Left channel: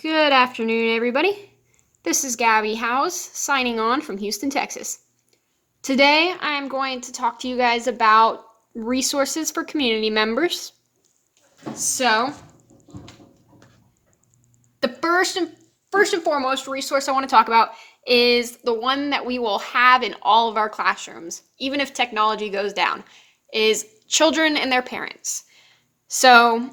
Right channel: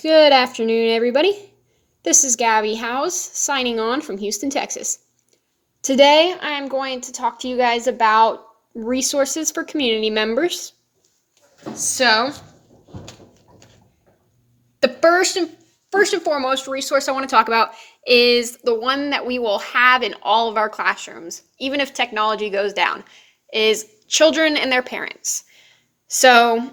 Good afternoon, everybody. This is Gabby Howes signing on from Houston, Texas. Today, I'm going to talk to you guys about resources for community members. So, the first and foremost resource I want to talk about is the one that we will have in all of our classrooms, even if technology goes down, is children and their parents. So,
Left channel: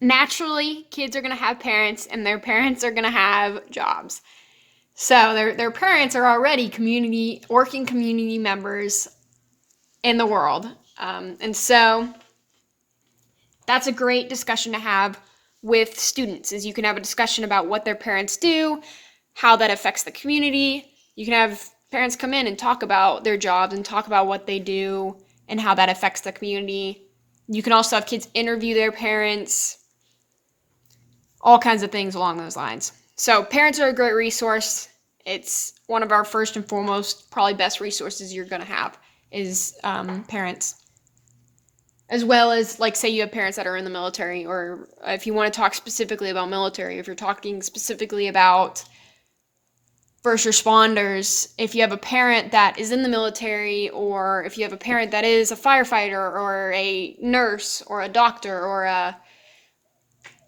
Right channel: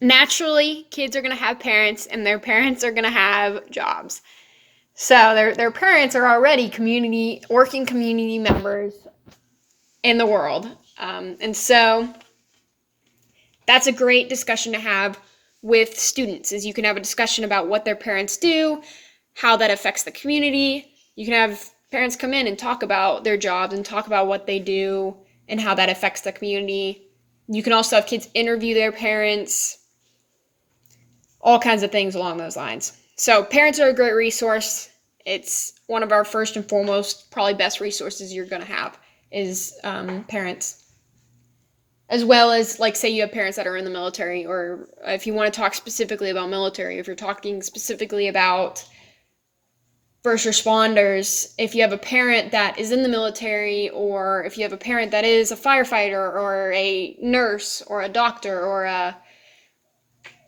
naturally, kids are going to have parents, and their parents are going to have jobs. So their parents are already working community members in the world. And so that's a great discussion to have with students, is you can have a discussion about what their parents do, how that affects the community. You can have parents come in and talk about their jobs and talk about what they do and how that affects the community. You can also have kids interview their parents, all kinds of things along those lines. So parents are a great resource. It's one of our first and foremost, probably best resources you're going to have is parents. As well as, like, say you have parents that are in the military, or if you want to talk specifically about military, if you're talking specifically about first responders, if you have a parent that is in the military, or if you have a parent that is a firefighter or a nurse or a doctor or a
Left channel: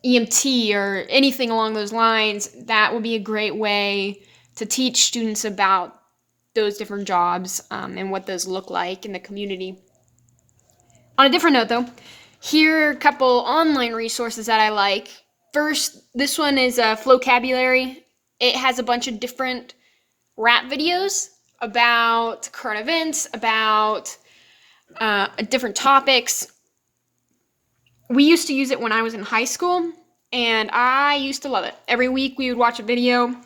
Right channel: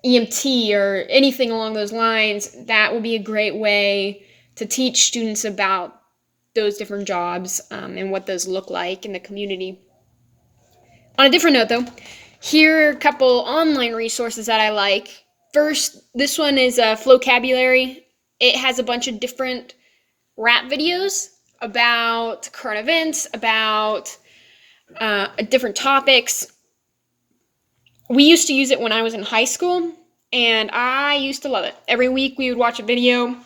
EMT or anything along those lines, that would be a great way to teach students about those different jobs and what those look like in the community. On a different note, though, here are a couple online resources that I like. First, this one is Flocabulary. It has a bunch of different rap videos about current events, about different topics. We used to use it when I was in high school, and I used to love it. Every week we would watch a video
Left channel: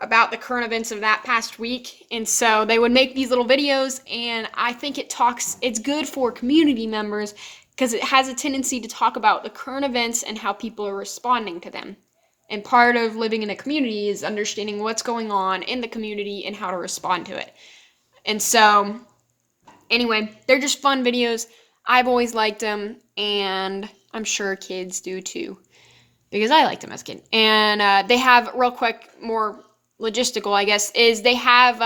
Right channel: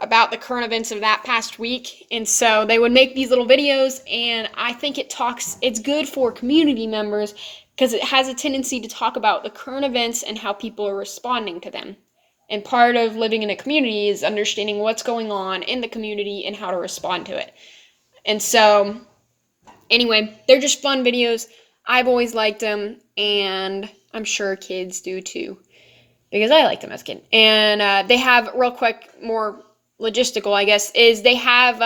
about the current events of that past week, and so they would make these little videos, and I think it's good for community members because it has a tendency to talk about the current events and how people are responding to them. And part of living in a community is understanding what's going on in the community and how to respond to it. And so, anyway, they're just fun videos. I've always liked them, and I'm sure kids do too, because I liked them as a kid. And they have, real quick, more logistical, I guess, is they have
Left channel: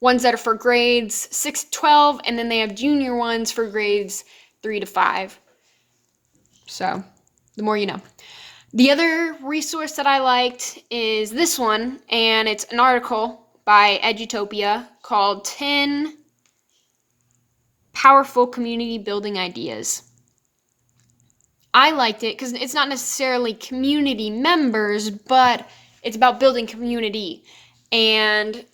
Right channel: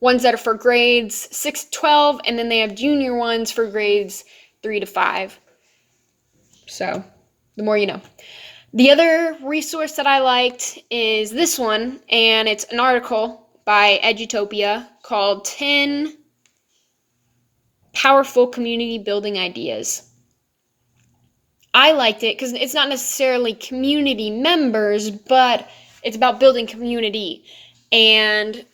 ones that are for grades 6 to 12, and then they have junior ones for grades 3 to 5. So, the more you know. The other resource that I liked is this one, and it's an article by Edutopia called 10 Powerful Community Building Ideas. I liked it because it's not necessarily community members, but it's about building community. And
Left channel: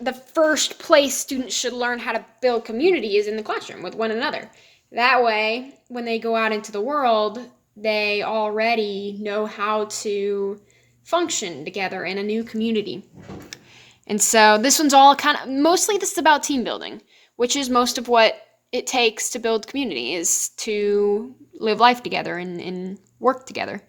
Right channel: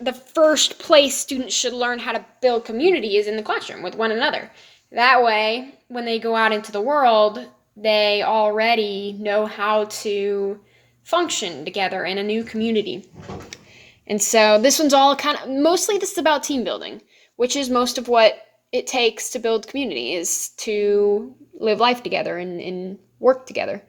the first place students should learn how to build community is in the classroom with one another. That way, when they go out into the world, they already know how to function together in a new community. And so this one's all mostly this is about team building, which is most of what it takes to build community, is to live life together and work together.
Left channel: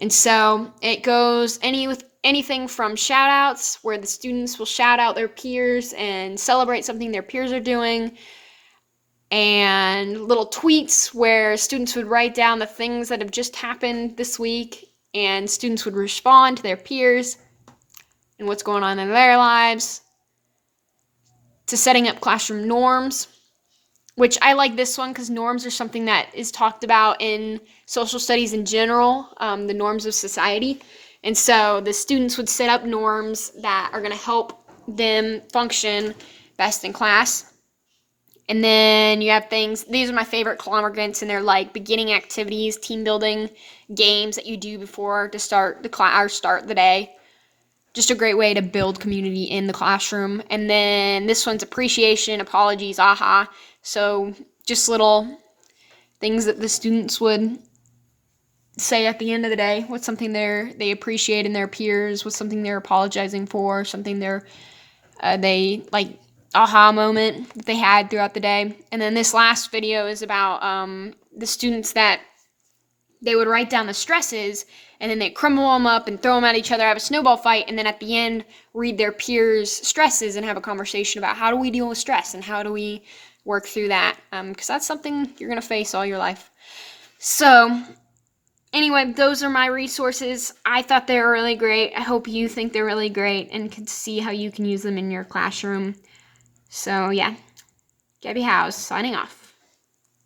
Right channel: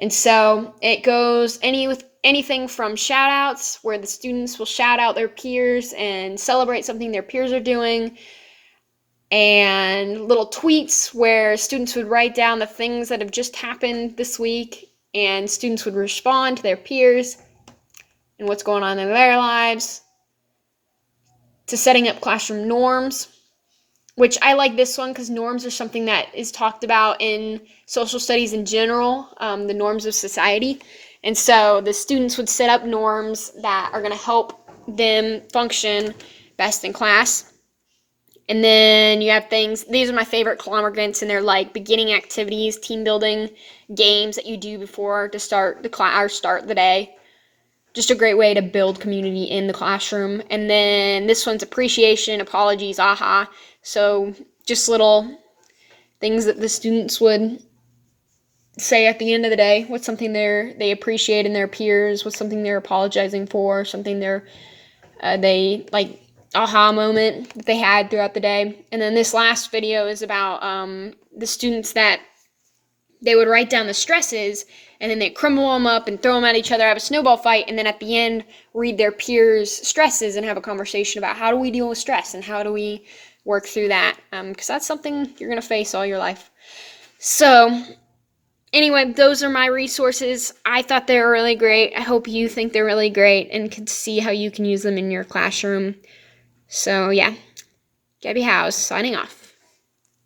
And so it goes with anything from shout outs, where the students will shout out their peers and celebrate something their peers are doing, and little tweets where students would write down the things that have just happened this week, and students would respond to their peers and what's going on in their lives, to setting up classroom norms, which I like this one because norms are something that is talked about in social studies in general, the norms of society. And so the students would set up norms that are going to help them function best in class. And then you have things, these are my favorite conglomerants, and they're like beginning activities, team building, games that you do before to start the class or start the day. Just a great way to build community in the classroom. And then this one's appreciation, apologies, aha. So just little things that the students would say at the end of the day. What's something they appreciate in their peers? What's something they're apologizing for? Something they like aha moment that they had throughout the day. And then this last video is about the students that they would write down the stresses, and then they crumble them up and throw them at each other, have a snowball fight, and then at the end read their peers' stresses and have a conversation about how do we deal with stress and how do we work through that, because that's something you're going to face all your life. So Anyway, those are my resources. I thought they were really great. I hope you think they're really great and can see how you can use them in your classroom. So yeah, Gabby House signing off.